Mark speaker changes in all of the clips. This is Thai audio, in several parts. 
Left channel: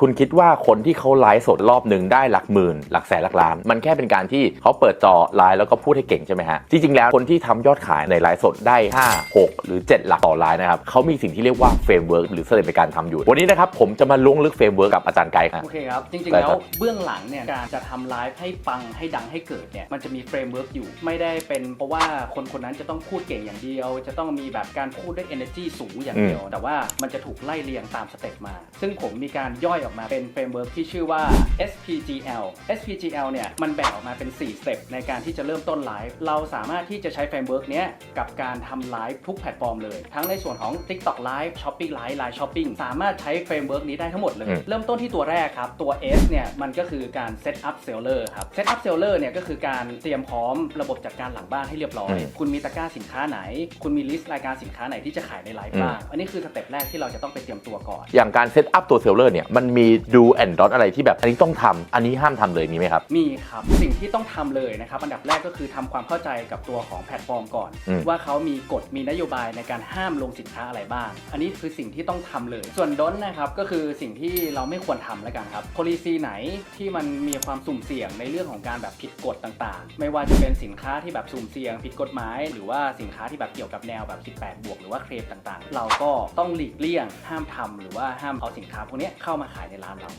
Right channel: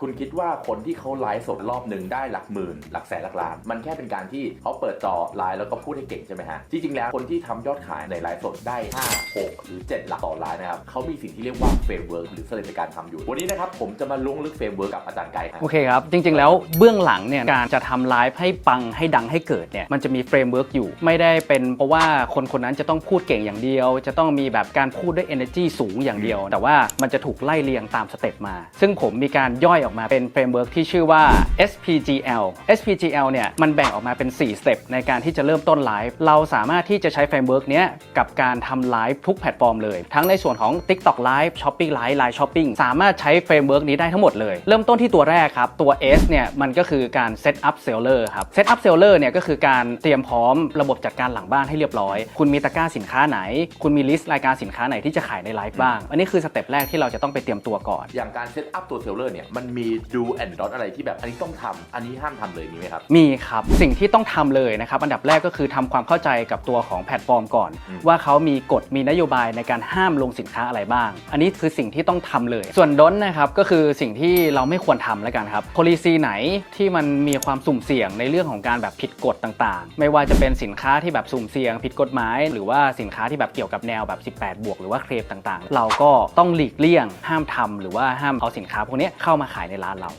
Speaker 1: คุณคิดว่าคนที่เขาไลฟ์สดรอบหนึ่งได้หลักหมื่น หลักแสนหลักล้าน มันแค่เป็นการที่เขาเปิดจอไลฟ์แล้วก็พูดให้เก่งใช่ไหมฮะ จริง ๆ แล้วคนที่ทำยอดขายในไลฟ์สดได้ 5 6 หรือ 7 หลักต่อไลฟ์นะครับเขามีสิ่งที่เรียกว่าเฟรมเวิร์กหรือสเต็ปในการทำอยู่ วันนี้นะครับผมจะมาล้วงลึกเฟรมเวิร์กกับอาจารย์ไกด์ครับ
Speaker 2: โอเคครับ จริง ๆ แล้วเบื้องหลังเนี่ยการจะทำไลฟ์ให้ปังให้ดังให้เกิดเนี่ยมันจะมีเฟรมเวิร์กอยู่ ไม่ได้เป็นเพราะว่าคนคนนั้นจะต้องพูดเก่งอย่างเดียว จะต้องมีแบบการพูดด้วย energy สูงอย่างเดียว แต่ว่ามันจะถูกไล่เรียงตามสเต็ปมา ซึ่งผมมีการย่อยออกมาเป็นเฟรมเวิร์กที่ชื่อว่า SPGL SPGL เนี่ยมันแบ่งออกมาเป็น 4 สเต็ปในการที่จะเริ่มต้นไลฟ์เราสามารถที่จะใช้เฟรมเวิร์กเนี้ยกับการทำไลฟ์ทุกแพลตฟอร์มเลย ทั้งในส่วนของ TikTok Live Shopee Live Live Shopping สามารถใช้เฟรมเวิร์กนี้ได้ทั้งหมดเลย เริ่มต้นที่ตัวแรกครับ ตัว S เนี่ยมันก็คือการ Set up Seller ครับ Set up Seller เนี่ยก็คือการเตรียมพร้อมระบบจัดการหลังบ้านให้เรียบร้อย คุณมีตะกร้าสินค้าไหน คุณมีลิสต์รายการสินค้าไหนที่จะขายในไลฟ์บ้าง อันนี้คือสเต็ปแรกที่เราจะต้องไปเตรียมตัวก่อน
Speaker 1: อย่างการเซตอัพตัวเซลเลอร์เนี่ยมันมีดูแอนด์ดอทอะไรที่แบบอันนี้ต้องทำอันนี้ห้ามทำเลยมีไหมครับ
Speaker 2: มีครับ สิ่งที่ต้องทำเลยนะครับ อันดับแรกก็คือทำความเข้าใจกับตัวของแพลตฟอร์มก่อน
Speaker 1: อืม
Speaker 2: ว่าเขามีกฎมีนโยบายในการห้ามลงสินค้าอะไรบ้าง อันนี้คือสิ่งที่ต้องทำเลย ส่วนดนนะครับก็คือสิ่งที่เราไม่ควรทำแล้วกันครับ policy ไหนที่มันมีความสุ่มเสี่ยงในเรื่องของการแบบผิดกฎต่างๆ ไม่ว่าจะเป็นสินค้าที่แบบสุ่มเสี่ยง ผิดกฎหมาย หรือว่าสินค้าที่แบบเกี่ยวกับแนวแบบ 18 บวก หรือว่าเคลมต่างๆ เราก็ต้องหลีกเลี่ยงห้ามทำหรือว่าห้ามเอาสินค้าพวกนี้เข้ามาขายในร้านเรา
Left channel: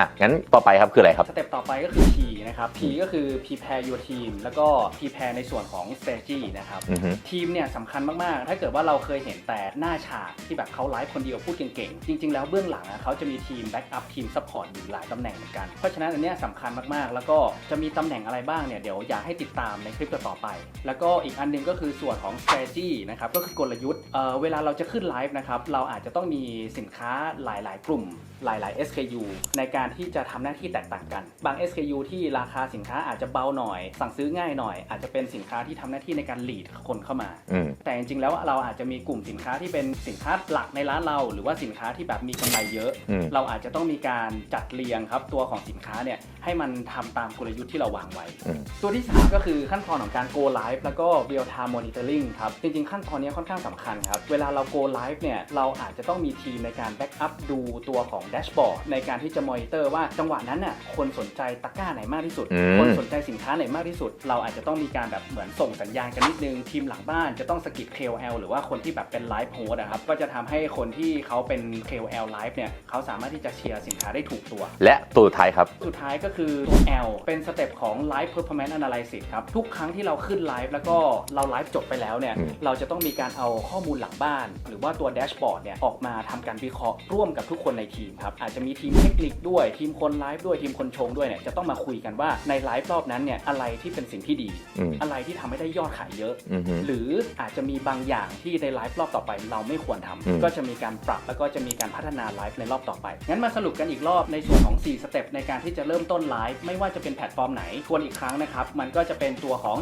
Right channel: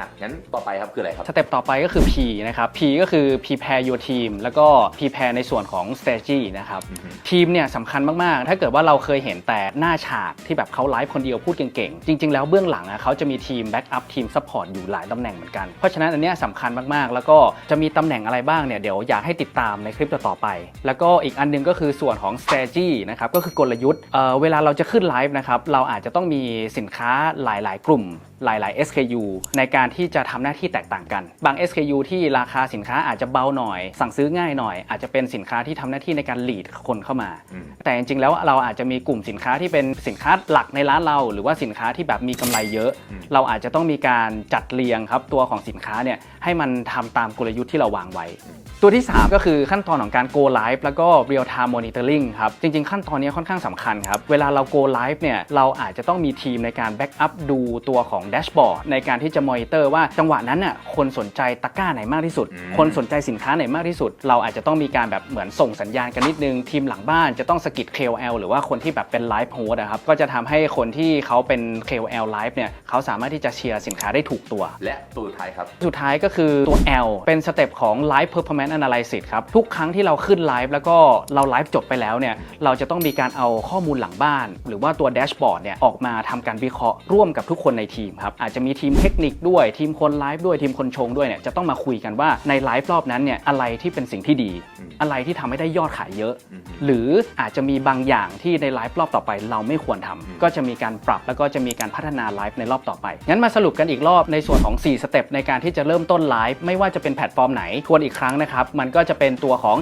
Speaker 1: อะงั้นต่อไปครับคืออะไรครับ
Speaker 2: สเต็ปต่อไปก็คือ P นะครับ P ก็คือ prepare your team แล้วก็ prepare ในส่วนของ strategy นะครับ
Speaker 1: อือฮึ
Speaker 2: ทีมเนี่ยสำคัญมาก ๆ ถ้าเกิดว่าเราเคยเห็นแต่หน้าฉากที่แบบเขาไลฟ์คนเดียวพูดเก่ง ๆ จริง ๆ แล้วเบื้องหลังอะเขาจะมีทีมแบ็กอัพทีมซัพพอร์ตอยู่หลายตำแหน่งเหมือนกัน เพราะฉะนั้นอันเนี้ยสำคัญมาก ๆ แล้วก็จะมีตำแหน่งอะไรบ้างเนี่ยเดี๋ยวอยากให้ติดตามในคลิปต่อๆไป แล้วก็อีกอันหนึงก็คือส่วนของ strategy นะครับก็คือกลยุทธ์เอ่อเวลาเราจะขึ้นไลฟ์นะครับเราอาจจะต้องมีสินค้าหลาย ๆ กลุ่ม หลาย ๆ SKU ในการที่จะทำหน้าที่แตกต่างกัน บาง SKU ที่ราคาสินค้าอาจจะเบาหน่อย สั่งซื้อง่ายหน่อย อาจจะเป็นสินค้าที่ทำหน้าที่ในการ lead คนเข้ามา
Speaker 1: อืม
Speaker 2: แต่จริงๆแล้วเราอาจจะมีกลุ่มสินค้าที่เป็นสินค้าหลักในร้านเรา หรือว่าสินค้าที่แบบมีกำไรเยอะ
Speaker 1: อืม
Speaker 2: เราอาจจะต้องมีการจัดเรียงครับตัวของสินค้าเนี่ยให้มันทำตามกลยุทธ์ที่เราวางไว้
Speaker 1: อืม
Speaker 2: ตัวที่ 3 ก็คือขั้นตอนของการ go live แล้วก็ real time monitoring ครับจริง ๆ ขั้นตอนนี้ค่อนข้างสำคัญครับเวลาเรา go live เนี่ยเราอาจจะต้องมีทีมในการ back up ดูตัวของ dashboard ในการที่จะ monitor ว่าจังหวะนั้นน่ะคนสนใจตะกร้าไหนมากที่สุด
Speaker 1: อืม
Speaker 2: คนสนใจสินค้าไหนมากที่สุด เราอาจจะต้องมีการแบบเหมือนส่งสัญญาณกันนิดนึง ทีมหลังบ้านจะต้องสกิด KOL หรือว่าคนที่แบบเป็น live host นะครับก็จะทำให้คนที่เขาเป็น KOL live เนี่ยเขาสามารถที่จะเชียร์สินค้าได้ถูกตัว
Speaker 1: และตัวสุดท้ายครับ
Speaker 2: สุดท้ายก็คือตัว L เป็นสเต็ปของ Live Performance Analysis ครับ ทุกครั้งที่เราขึ้นไลฟ์แล้วก็เราไลฟ์จบไปแล้วเนี่ย
Speaker 1: อืม
Speaker 2: เราจะต้องมีการเอาข้อมูลหลังบ้าน หรือว่าตัวแดชบอร์ดเนี่ย ออกมาทำการวิเคราะห์ร่วมกับทุกคนในทีมครับ อาจจะมีทีมเทคนิคด้วยทีมคนไลฟ์ด้วยทีมคนชงด้วยเนี่ยจะต้องมาคุยกันว่าในไลฟ์รอบนั้นเนี่ยอะไรที่เป็นสิ่งที่ดี
Speaker 1: อืม
Speaker 2: อะไรที่ทำให้ได้ยอดขายเยอะ
Speaker 1: อือฮึ
Speaker 2: หรืออาจจะมีบางอย่างที่ในไลฟ์รอบต่อไปเราไม่ควรทำ
Speaker 1: อืม
Speaker 2: ก็จะมีการปรับแล้วก็จะมีการพัฒนาไลฟ์ในรอบต่อไป งั้นมาสรุปกันอีกรอบในส่วนของ 4 สเต็ปในการที่จะเริ่มต้นไลฟ์ไม่ว่าจะเป็นแพลตฟอร์มไหนทวนอีกครั้งนะครับ มันก็จะเป็นตัวของ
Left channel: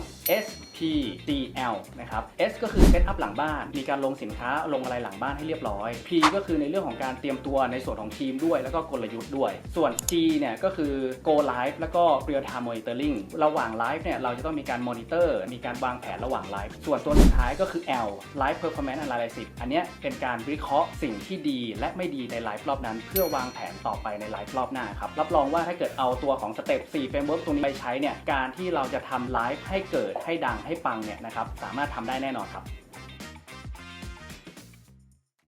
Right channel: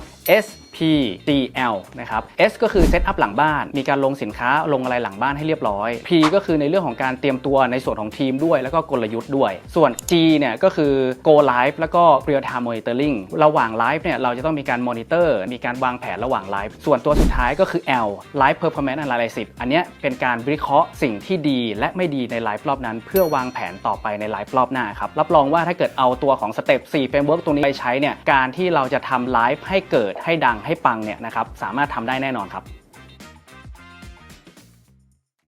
Speaker 2: S P D L นะครับ S ก็คือเซตอัพหลังบ้าน มีการลงสินค้าลงอะไรหลังบ้านให้เรียบร้อย P ก็คือในเรื่องของการเตรียมตัวในส่วนของทีมด้วย แล้วก็กลยุทธ์ด้วยส่วน G เนี่ยก็คือ go live แล้วก็ real time monitoring ระหว่างไลฟ์เนี่ยเราจะต้องมีการมอนิเตอร์มีการวางแผนระหว่างไลฟ์ส่วนตัวสุดท้ายก็คือ L live performance analysis อันนี้เป็นการวิเคราะห์สิ่งที่ดีและไม่ดีในไลฟ์รอบนั้น เพื่อวางแผนต่อไปในไลฟ์รอบหน้าครับ รับรองว่าถ้าเกิดเอาตัวของสเต็ป4 framework ตรงนี้ไปใช้เนี่ยการที่เราจะทำไลฟ์ให้เกิดให้ดังให้ปังเนี่ยนะครับสามารถทำได้แน่นอนครับ